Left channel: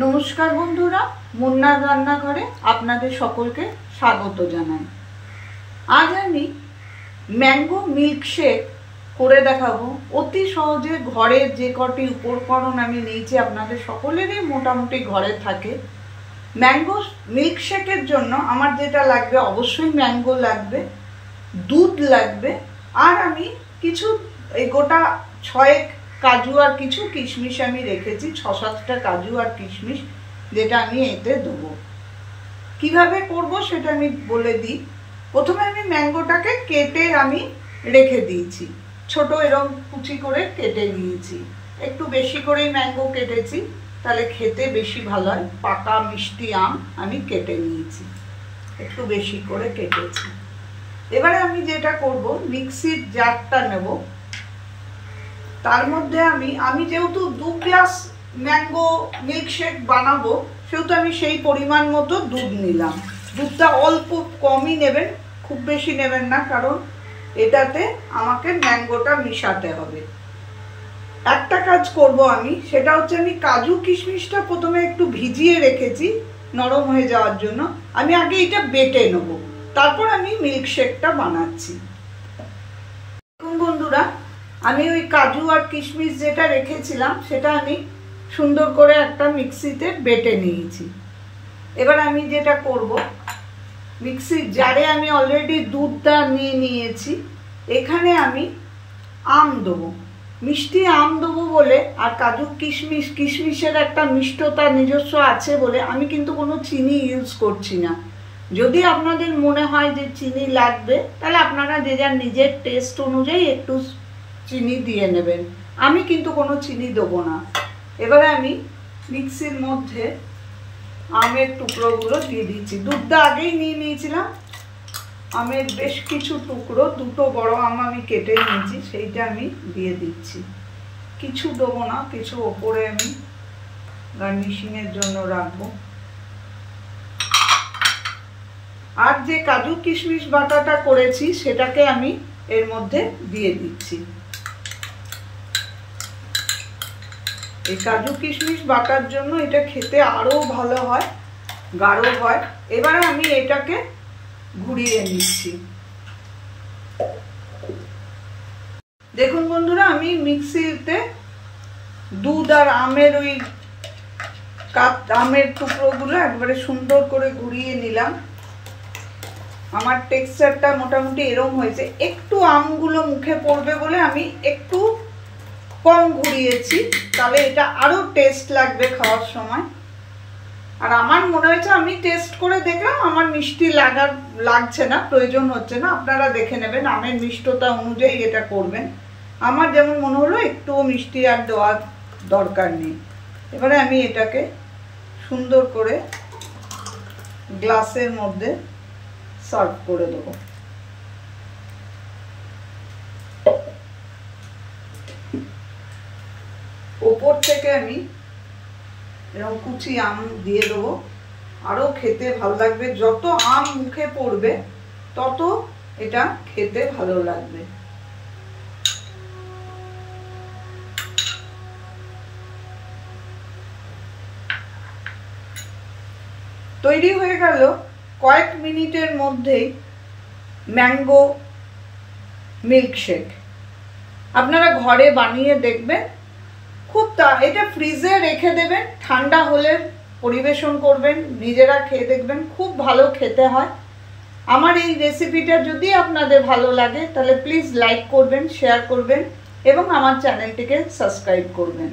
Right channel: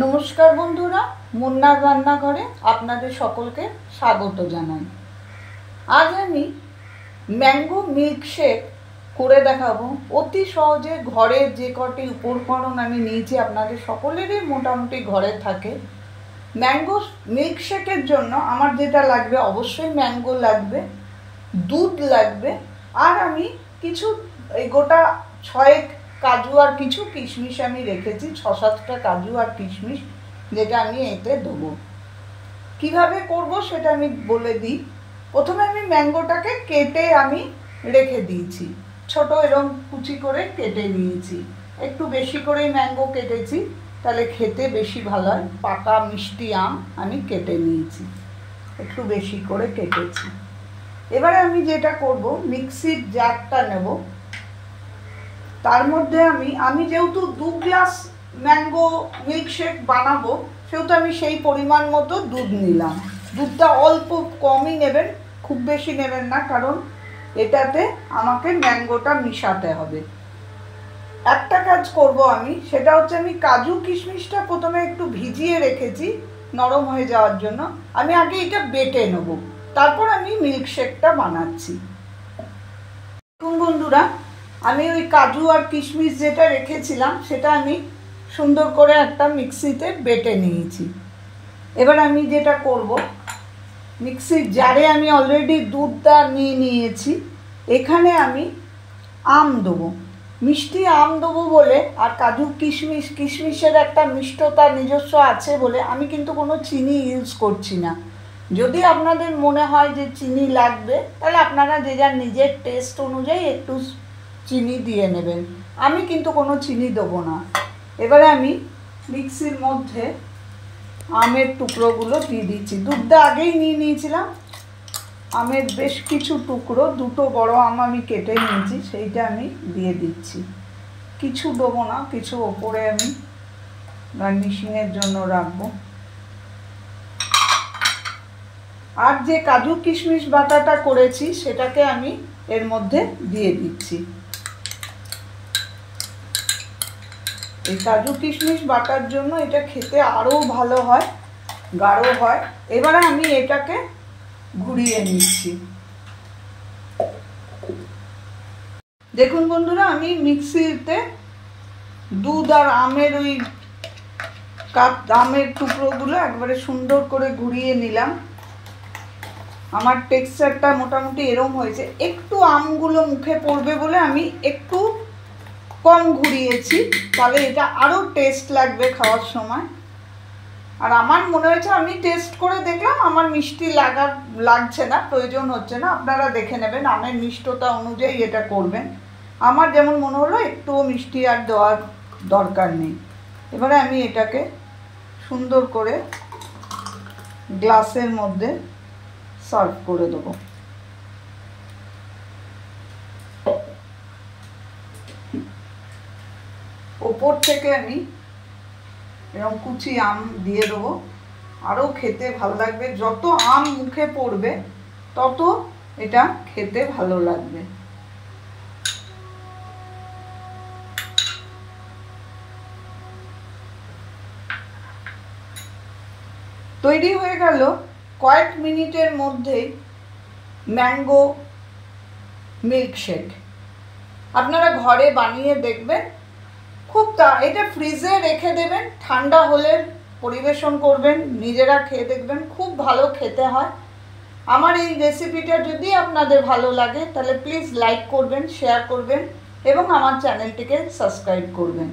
নমস্কার বন্ধুরা, মুন্নার রান্নাঘরে আপনাদের সকলকে স্বাগত জানাই। আজ আমি ম্যাঙ্গো মিল্কশেক করে দেখাবো। অতি সহজে ঘরের যে কটি উপকরণ আমি নিয়েছি আপনাদের সকলেরই মোটামুটি ঘরে থাকে। ম্যাঙ্গো মিল্কশেকের জন্য আমার যেটা লাগবে, অবশ্যই ম্যাঙ্গো লাগবে, দুধ লাগবে, আর আমি কিছু এই গোটা 6 কাজু আর কিছু কিশমিশ আমি রেখেছি, 6-7টা কাজু আর কিশমিশ, যেটা আমি এতে দেবো। কিভাবে করব সেটা আমি বলে দিই। প্রথমে আমি ম্যাঙ্গোটাকে কেটে আমি রেখে দিয়েছি, ছোট এরকম কুচি করে কেটে নিয়েছি। একটু বেশি করেই ম্যাঙ্গো কেটেছি, তাহলে খেতে বেশি ভালো হয়। পাকা মিষ্টি আম আমি কেটে নিয়েছি, একটু বেশি করে কেটেছি। এবারে আমি যেটা করব, মিক্সির জারটা নেব, তার মধ্যে আমি যেহেতু 2 গ্লাস ম্যাঙ্গো মিল্কশেক বানাবো, সেহেতু আমি সেই পরিমাণ মতো দুধ নিলাম। দুধটা অল্প কমই নেবেন, খুব বেশি নেবেন না, কারণ এটাতে আমাকে ম্যাঙ্গোটা মিশাতে হবে। একটা কাজ করব আমি, সেটা হচ্ছে আমি কাজু কিশমিশটা প্রথমে একটু ভিজিয়ে রেখেছি নরম হয়ে যাওয়ার জন্য। আমি আগে এটা বেটে নেব, তারপর আমি মিল্কশেকটা বানাচ্ছি। বন্ধুরা, আমি ওই কাজু আর কিশমিশ যেটা রেখেছিলাম সেটা আমি সুন্দর করে একটা মিক্সিতে বেটে নিয়েছি। এবার আমি যেটা করব, মিক্সির জারে আমি অলরেডি দুধটা নিয়ে নিয়েছি। এখানে আমি আম দেবো, মিষ্টি আম দেবো বলে, আর কাজু কিশমিশের একটা মিষ্টতা নিজস্ব আছে বলে আমি কিন্তু কোনো চিনি ইউজ করছি না। যদি আপনাদের মনে হয় যে চিনি লাগবে, তাহলে আপনারা যে যার নিজের টেস্ট অনুযায়ী একটু চিনি দিয়ে নেবেন। আমি কিন্তু কোনো চিনি দেবো না। এবারে আমি মিক্সির মধ্যে আমের টুকরোগুলো দিয়ে দিচ্ছি। দুধটা আগেই নিয়ে নিয়েছিলাম, আমের বেশ কিছু টুকরো, 2টো বড় আম আমি কেটে নিয়েছি, সেইটা আমি দিয়ে দিচ্ছি। কিছু দেবো না, কিছু ওপরে আমি গার্নিশিংয়ের জন্য রাখবো। আর যে কাজু কিশমিশ বাটাটা করেছি সেটাকে আমি এর মধ্যে দিয়ে দিচ্ছি। এই কাজু কিশমিশ বাটার জন্য এটা খেতে আরো ভালো হয়, গাঢ় হয়। এবারে আমি এটাকে ঘুরিয়ে নিচ্ছি। দেখুন বন্ধুরা, আমি মিক্সিতে দুধ আর আমের ওই আমের টুকরোগুলো একবারে সুন্দর করে ঘুরিয়ে নিলাম। আমার টেক্সচারটা মোটামুটি এরকম হয়েছে। একটু আমগুলো মুখে পড়বে বলে আমি একটু কম ঘুরিয়েছি, তাহলে এটা আরো টেস্ট লাগবে খাওয়ার সময়। আর আমার মনে হয়েছে, আমি টেস্ট করে দেখলাম আমার মিষ্টি লাগছে না, প্রয়োজন হচ্ছে না। আপনারা দেখে নেবেন, আমের মিষ্টতা অনুযায়ী এটা করবেন। আমার যেমন মনে হলো একটু মিষ্টি আর দেওয়ার দরকার নেই। এবারে আমি এটাকে সুন্দর করে গ্লাসের মধ্যে সার্ভ করে দেবো। ওপর থেকে আমি এরকম কুচি আম দিয়ে দেবো, আরো খেতে ভালো লাগবে। যত আম মুখে পড়বে তত এটা খেতে ভালো লাগবে। তৈরি হয়ে গেল কয়েক মিনিটের মধ্যেই ম্যাঙ্গো মিল্কশেক। আপনারা ঘরে বানিয়ে দেখবেন, এটা ফ্রিজে রেখে দেবেন, ঠান্ডা হলে পরিবেশন করবেন, নিজেরা খেয়ে দেখবেন, খুব ভালো খেতে হয়। আমার এই রেসিপিটা যদি আপনাদের ভালো লাগে, তাহলে প্লিজ লাইক করবেন, শেয়ার করবেন এবং আমার চ্যানেলটিকে সাবস্ক্রাইব করবেন।